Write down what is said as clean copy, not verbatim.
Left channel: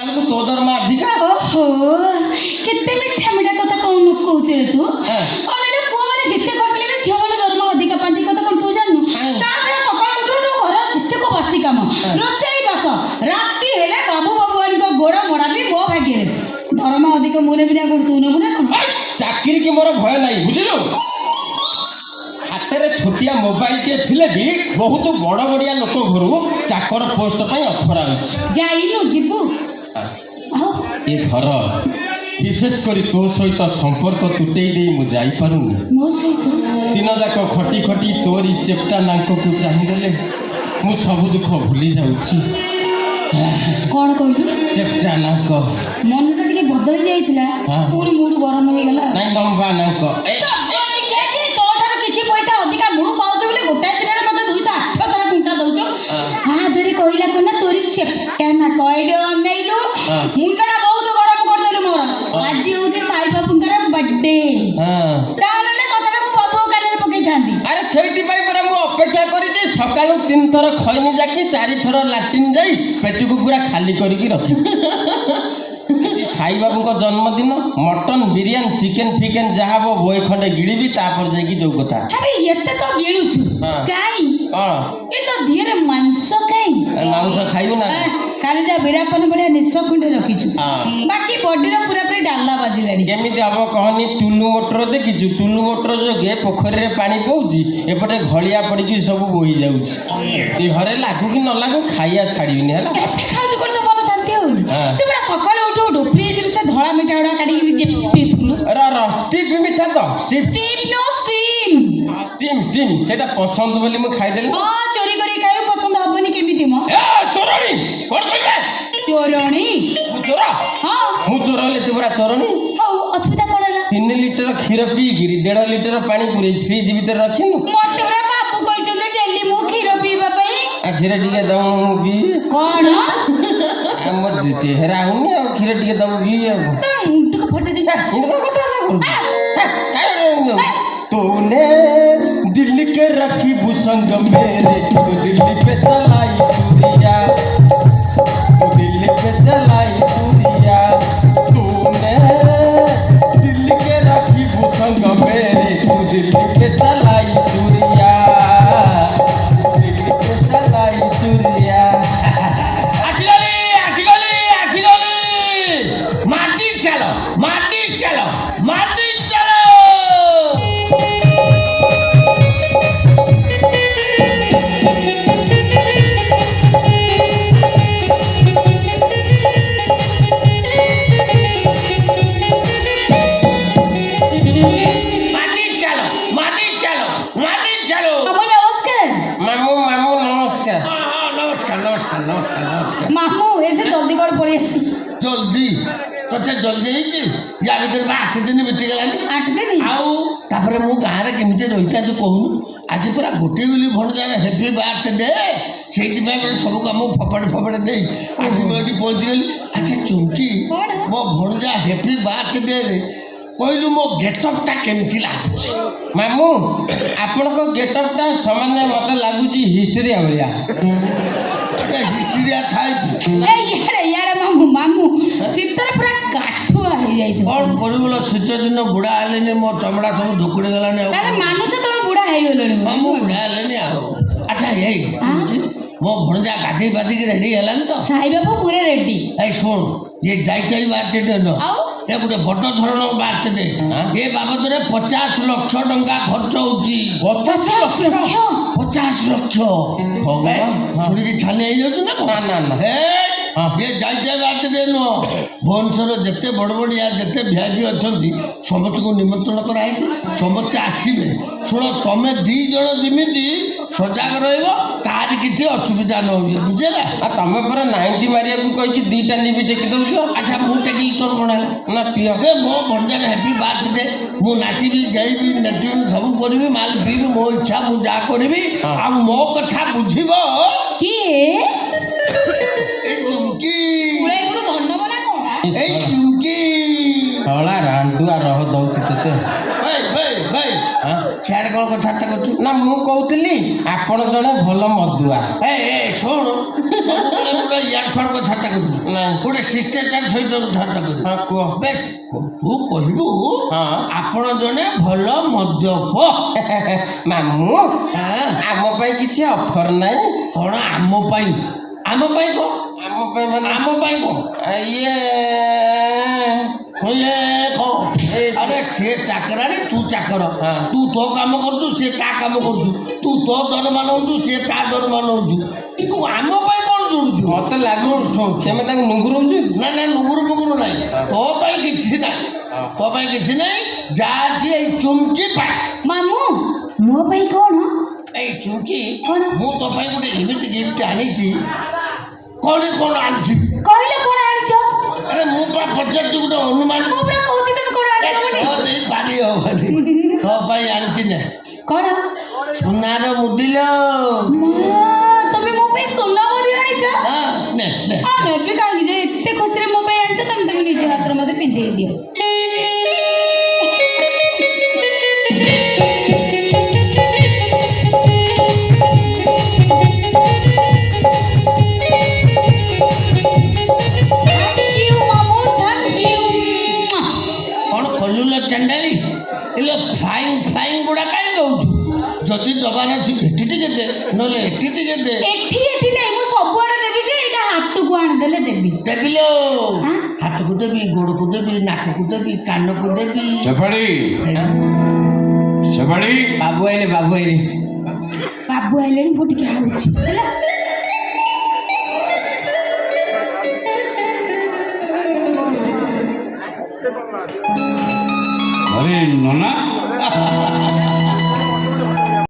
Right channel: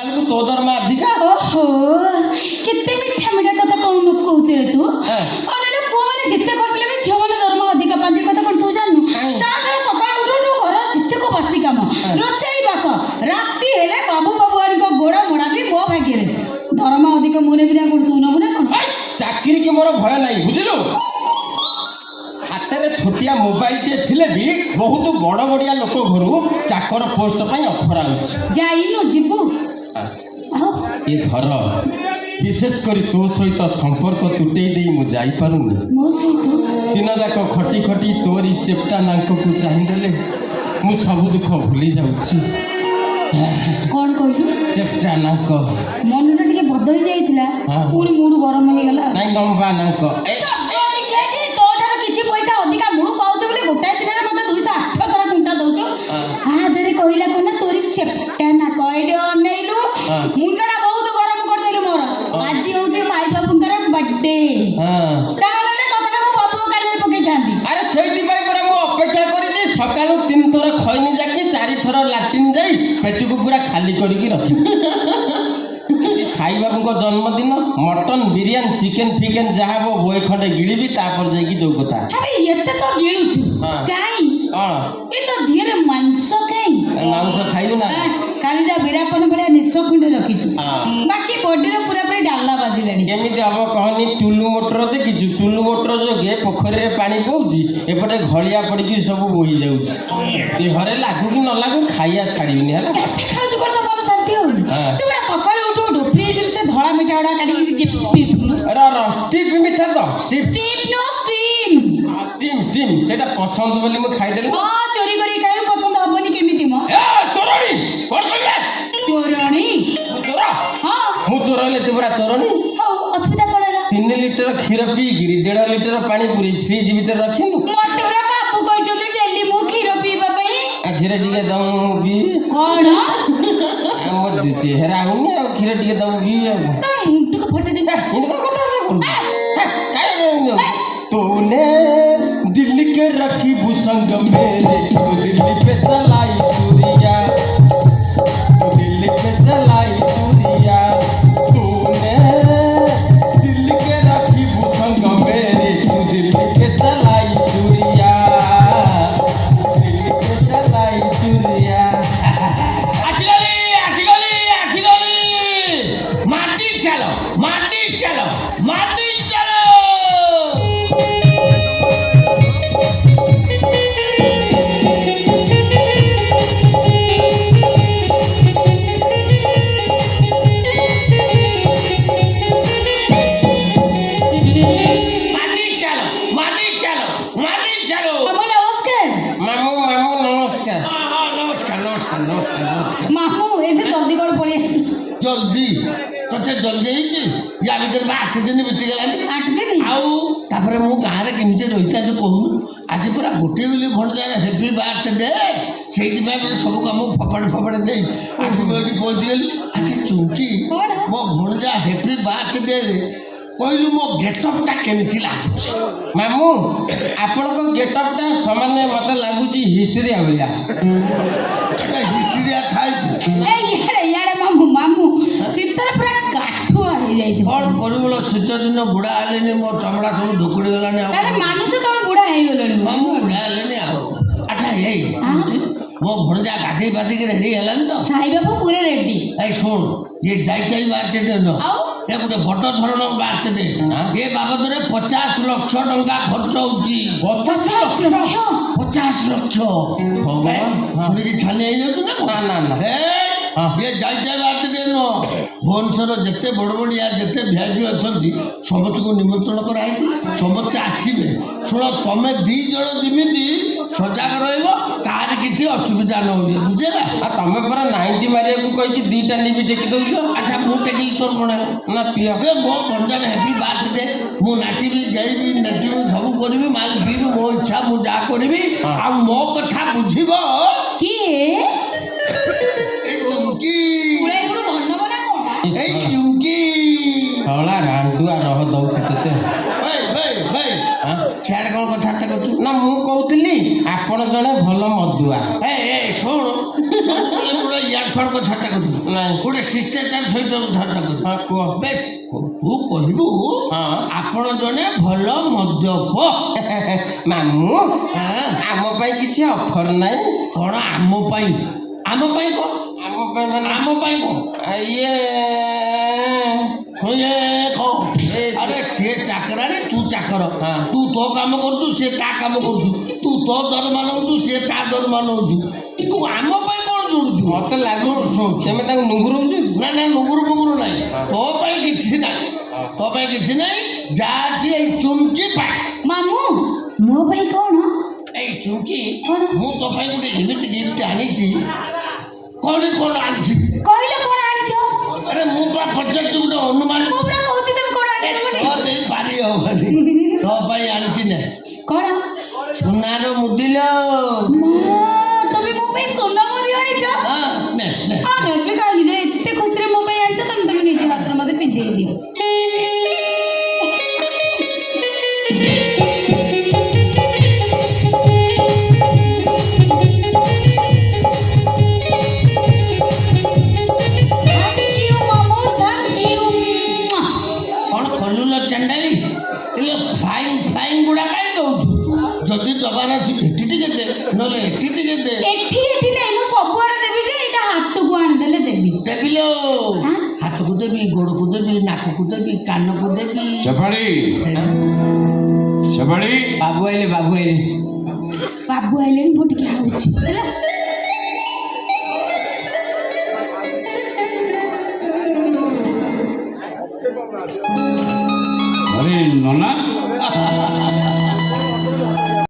ଆମକୁ ତୋ ଦରମା ଅଧିକା। ଓହୋ କେତେ ମିଠା ମିଠା କଥା କଣ କହୁଛୁ ରେ ତୁ? ଅନେକ ପୁଅମାନେ ଯେତେ କରିଲେ ବି ଝିଅମାନେ ଦରମା ଅଧିକା ପାଆନ୍ତି କଥା କଣ ତୁ ଜାଣିନୁ? ତା ଛଡ଼ା ସକାଳୁ ଉଠୁ ଉଠୁ ଘର ଯେତେକ ବାସି କାମ ରୋଷେଇ ବାସ ରାତି ହେଲେ ବାବୁ ବାବୁଆଙ୍କ ଗୋଡ଼ ମୋଡ଼ା ବି ମୋ ଭାଗ୍ୟରେ। ଦରମା ଅଧିକ ମୁଁ ନେବି ନା କଣ ତୁ ନେବୁ ନା କଣ? ଚାକିରି କି ମୋର ଭୟ ନାହିଁ ବୁଝିଲୁ। ହାତରେ ଛୋଟିଆ ମୋବାଇଲଟିଏ ଥିଲେ ବି ବହୁତ ବଡ଼ ବଡ଼ିଆ ଲୋକ ଘରୁ ଚାକର ପୋଷ୍ଟ ପାଇଁ ଅଫର ଆଉଛି। ଯାଇନୁ ଯିବୁ। ଏ ଘର ବିଶେଷ କରି ତୋ ସହିତ ସମ୍ପର୍କ ତୁଟେଇ ଦେଇ ମୁଁ ଯାଇପାରୁନି। ମୋ ସହିତ ଦିନ ଯାକ ଖଟି ଖଟି ତୋରି ଚେପ୍ଟା ନାକକୁ ଚାହିଁଦେଲେ ମୁଁ ସବୁ ଦୁଃଖ ଭୁଲି ଯାଉଛି। କଣ କହିଲୁ? ଚେପ୍ଟା ନାକ ମନଟା ଟିକେ ବଦଳି ଯାଇଥିଲା ପୁଣି ମୁଡ ଗରମ ହେଇଗଲା। ନାଇଁ ଲମ୍ବା ନାକ ତୋଠାରୁ କିଛି ପଇସା ଅଧିକା ମୁଁ ପାଉଛି ବୋଲି ଗୋଟାଏ ଦିନରେ ମତେ 208 ଥର କୁଣ୍ଟା ଦଉଛୁ। ଆଧରେ କହିଲା କଣ ତୋରି ଚେପ୍ଟା ନାକ ଏଇଠି ଅନେଇଲୁ ମୁଣ୍ଡଟା ବହୁତ ଗରମ କରିଦେଲୁ ମୋର। ଆଜି ହଉଛି ସାଇ ବାବୁଙ୍କର ବର୍ଥଡେ। ତାହେଲେ କଥାଟା ମୁଁ ବାବୁ କାନରେ ପକେଇଥାନ୍ତି। ଆରେ ସେଇଥିପାଇଁ ପରା ମୁଁ ଅପେକ୍ଷା କରିଛି। ସକାଳୁ 3 ଥର ଖଇନି ଯାକି 4 ଥର ଲାଟ୍ରିନ୍ ଯାଇ ପେଟକୁ ପୁରା ଖାଲି କରିକି ରଖିଛି। ସାଇବାବୁଙ୍କ ଜନ୍ମଦିନ ମଟନ ବିରିୟାନୀ ଚିକେନ ଫିକେନ ଯାହା ହବ ବଏ ଖଣ୍ଡେ ଗିଳିବି ତାପରେ ଯାଇକି ଯୋଉ କଥା। ଆରେ ଏତେ ତ ଗିଳୁଛୁ କାଇଁ? କଣ ଏ ତ ଧିରେ ମାଂସ କାଇଁ? ମାଂସ ଖାଇବୁ ନା? କାଲି ଯା ବିରାପନ ଭଳିଆ ନିଶ ଖଣ୍ଡେ ରଖିଛୁ ବାକି ବଡିର ପୁରାପୁରି ଡାଲା ବାଜିଲାଣି। କେମିତି ହବ କହନି? ଟୁଲୁ ମୋଟର ଦେଖିଛୁ? ଟୁଲୁ ମୋଟର ଯୋଗେ ପୋଖରୀରେ ପାଣି ପଉଛି ଏପଟେ ଘଳିଆ ପଡିକି ସବୁ ବୋହି ଯାଉଛି। ଦେହରେ ଲାଗୁ କି ନ ଲାଗୁ ଖାଇବା ଛାଡ଼ିବିନି ହେଲା। କେତେ ଖାଉଛୁ କଣ ତ ମନ ଶାନ୍ତି ହଉନି? ତୁ ପୁରା ସକାଳୁ ଉଠୁ ଉଠୁ ଫ୍ରିଜରୁ ସେ ଧଳା ମିଠା ଗୁଡା କାଢିକି ପିଉଥିଲୁ। ଷ୍ଟିପ୍ ମିଠା ତ ଷ୍ଟିପ୍ ନୋ ଷ୍ଟିମ୍ ଷ୍ଟିମ୍ ସେଟା ପସନ୍ଦ ବୋଲି ମୁଁ ଖାଇଦେଲି। ଚୋରି କରି ଖାଇବୁ ପସନ୍ଦ ହବନି କେମିତି ମ? ଚୋରଣୀ କଣ କହିବେ? ଚୋରଣୀ? ମୁଁ ଚୋର? ହଁ ମୁଁ ଚୋର ହେଲେ ତୁ ପୁରା ଚୋରଣୀ? ହଉ ଅସୁବିଧା କଣ ହେଲା? 3 ଲିଟର କ୍ଷୀର ପିଇକିରି 1.5 ଲିଟର ପାଣି ପୁରେଇ ଫ୍ରିଜ ଭିତରେ ରଖିନୁ। ମତେ ପୁରା ବାପୁ କହିଛନ୍ତି ଡେଲି ମୁଁ କ୍ଷୀର ପିଇବା ପାଇଁ। କ୍ଷୀର ଟିକେ ଦଉନୁ ପିଇବି। କଣ? ଆମର ଚେହେରା ହଉନି ଆଉ କ୍ଷୀର ଟିକେ ଦବୁ ପିଇବି ଆଉ। ଟିକେ ଫଟେଇ ଦେ। तूने दिल के रखी भूसंग मेरे तो दिल्ली पे चलाई चूड़िया दिल्ली पे चलाई चूड़िया तूने दिल के रखी भूसंग मेरे तो दिल्ली पे चलाई चूड़िया दिल्ली पे चलाई चूड़िया। माटी चलो माटी चलो माटी चलो। जल्दी तोते जल्दी या भर 8 दिन बीतीगलानी 8 दिन आउे मो गाँव में केमी रही जो कहूँ आज पूरा गोटे बोली भणजार हेपी बर्थडे से सब कम फपड़ फपड़ दे आज मुझे पहुँची गली। अच्छा चुमकी मो भणजा हेपी बर्थडे कहलु मो गेटअपटा केमती लगुच? मामू आपण गेटअपटा सामान्य मत लगुच हिस्ट्रिया भाया हिस्ट्रिया थाई मामू शीतर पूरा काठुआ हो जाए कौन कर शीत दिन बुढ़ा हेले मो चमड़ा सब धुकुड़ी गलानी मानुष तो बुढ़ा हो गले बुढ़ा हेले अच्छा ये मो भणजा गाधे पाधिक रेडी हेलानी तो साई बाबू पूरे रेडी। शुण ये जाई बार्थडे न ये गोटे बड़ धरण बार्थडे ये बाबद 50 लाख टंका खर्च होची। 50 लाख शुणी छानी ना ये जाइए बार्थडे नुह भुवनेश्वर जिते बड़ बड़िया जिते भिआईपी अच्छा समस्त को निमंत्रण कराई समस्ते आसवे। शुण तुम्हें 2 जन जमी सजग रही किसी असुविधा न हो बुझेगा। तुम पर 90 मारे कही 2टा निबी टेकी दौच। अच्छा मुझे टेकिली तोर कौन ना पी मो भंडार हेपी बार्थडे मु नाचबी जाइबी नचबी सब करी माल पीबी मो इच्छा मुझे जहाँ करी मो कथा बुझब चुमकी रांडुआ रह दौच ते ସିଆଡ଼େ କ'ଣ କଥାବାର୍ତ୍ତା କରୁଛୁ? ନା ମୁଁ କହୁଥିଲି ଆପଣ ଜଣେ ଭଲ ମଦୁଆ। ଏ ଶୁଣ ସବୁବେଳେ ଗୋଟେ ଇଆଡ ଫାଡ କଥାବାର୍ତ୍ତା କରୁଛୁ। ନାଇଁ। ଗୋଟେ ଶିଷ୍ଟାଚାର ସହିତ କଥାବାର୍ତ୍ତା କରୁଛୁ। ହଁ କୁହ। ବେଶ ତୁ କହିବୁ ହଁ। ଆପଣ ଜଣେ ଭଲ ମଦ୍ୟପ। ମାମୁଁ ଆଁ? ଆମ ପାଇଁ କିଛି ଅଫର ନାହିଁ? କ'ଣ ଆମ ପାଇଁ? ଆମ ପାଇଁ କ'ଣ? ଆମ ପାଇଁ ମାନେ ଆମ ପାଇଁ କ'ଣ? ଇଏ ଇଏ କ'ଣ? ଆରେ ସିଏ ଚାକରାଣୀ ତୁ ଚାକର। ତୁ ତୋ କାମ କରୁଛୁ ସିଏ ତା କାମ କରୁଛୁ। ତୁ ତୋ ଦରମା ନେଉଛୁ ସିଏ ତା ଦରମା ନେଉଛୁ। ତୁ ଆମ ପାଇଁ କ'ଣ ଯୋଡ଼ୁଛୁ? ମତେ ଲାଗୁଛି ସେମାନେ ତାଙ୍କୁ ନୁଙ୍ଗୁରଉଛି। ନା ନା ନୁଗୁରୁ ଫୁଗୁରୁ ନାହିଁ। ତୋ ପାଇଁ କିଛି ନାହିଁ। ତୋ ପାଇଁ କିଛି ନାହିଁ। ଯାହା ଅଛି ଏଇ ଚୁମକି ପାଇଁ। ମାମୁଁ ମୋ ପାଇଁ କ'ଣ? ଏଇ ଚୁମକି କ'ଣ? ମୁଁ ତୋ ପାଇଁ ଗୋଟେ ଏମିତି ଗିଫ୍ଟ ଆଣିଛି। କ'ଣ ଆଣିଛି? କହିଲ କ'ଣ ଆଣିଛ? ଆରେ ମୁଁ ପା ପଚାରୁଛି ଗୋଟେ ଅନୁମାନ। ମୁଁ ପୁରା କହୁଛି ତମେ କ'ଣ ଆଣିଛ ବୋଲି। ତୋ ଦେଇ ପାରି ହବନି। ତୋ ପାଇଁ ଆଣିଛି ନା କ'ଣ? ସୁନାର ମୁଦିଲ। ମା, ତମେ ମୋ ପାଇଁ ସୁନା ମଧ୍ୟ ଆଣିଛ? ନେ ନେ ନେବି କାହିଁକି ଯେ ଏତେ ଖୁସିରେ ମୋ ପାଇଁ ଆଣିଛ ତମେ ତମେ ନିଜ ହାତରେ ମୋତେ ପିନ୍ଧେଇ ଦିଅ। କ'ଣ କଲୁଲ ଚାଣ୍ଡାଳି? ଏଲୋ ଫ୍ଲାଇଂ ଫ୍ଲାଇଂ ଗୁଡ଼ା କାହିଁ ଦଉଛୁ? ଯଦି ଦବାର ଅଛି ଏଠି ଟିକେ ଦେ ନହେଲେ ଏଠି ଟିକେ ଦେ। ଏଠି ନାଇଁ ମୁଁ ସବୁଆଡେ ଦେବି ଯେ ଏଇଟା ହାତକୁ ଆଣିଦେଲେ ଦେବି। ଦେବିଲୋ ହାତକୁ ଦେବି, ଗୋଡ଼କୁ ଦେବି, ନାକକୁ ଦେବି, କାନକୁ ଦେବି। ସେପାଳି ସେପାଳି ବାବୁ ଆଇଲେ ବାବୁ ଆଇଲେ। ବାବୁ ଆଇଲେଣି ମୁଁ ଟିକେ ଆଉଛି ହେଲା। ଆରେ ନନା